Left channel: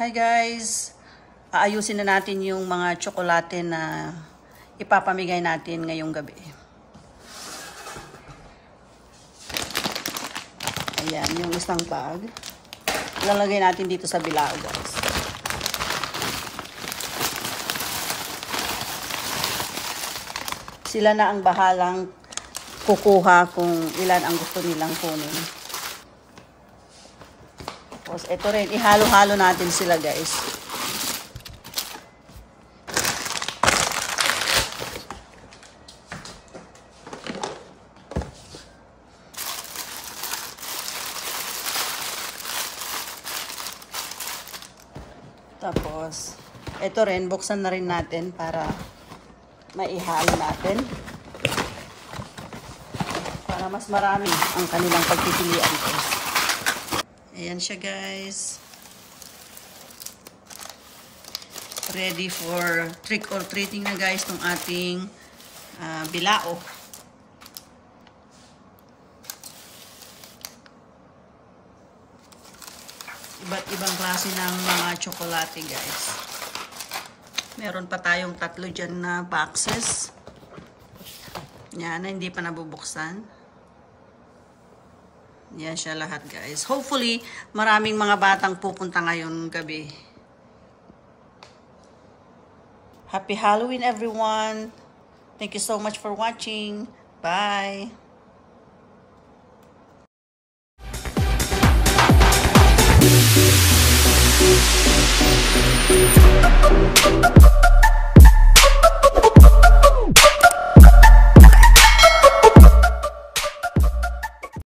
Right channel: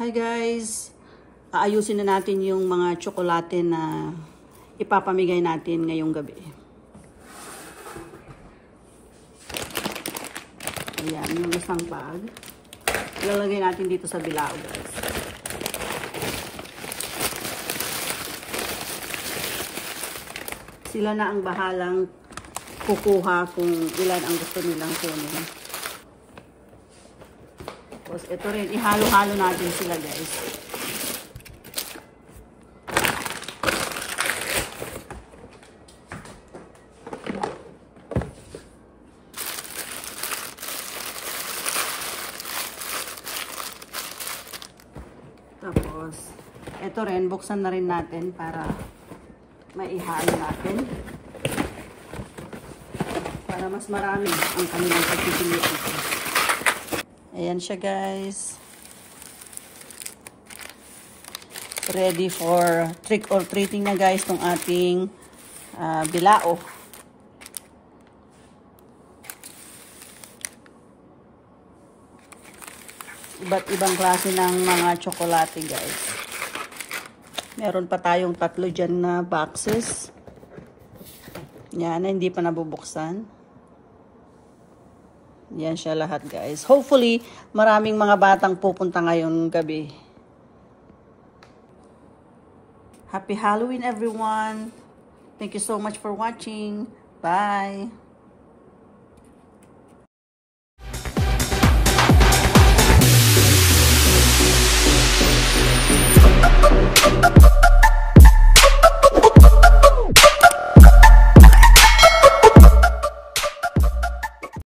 Hi guys! Aayusin na natin yung mga tsokolate na ipapamigay natin ngayong gabi. Ayan, yung isang bag. Ilalagay natin dito sa bilao guys. Sila na ang bahalang kukuha kung ilan ang gusto nilang kunin. Tapos ito rin, ihalo-halo natin sila guys. Tapos, ito rin, buksan na rin natin para maihalo natin. Para mas marami ang kanilang pagpipilian. Ayan siya guys. Ready for trick or treating na guys tong ating bilao. Iba't ibang klase ng mga tsokolate guys. Meron pa tayong 3 dyan na boxes. Yan na hindi pa nabubuksan. Yan siya lahat guys. Hopefully, maraming mga batang pupunta ngayon gabi. Happy Halloween everyone! Thank you so much for watching. Bye!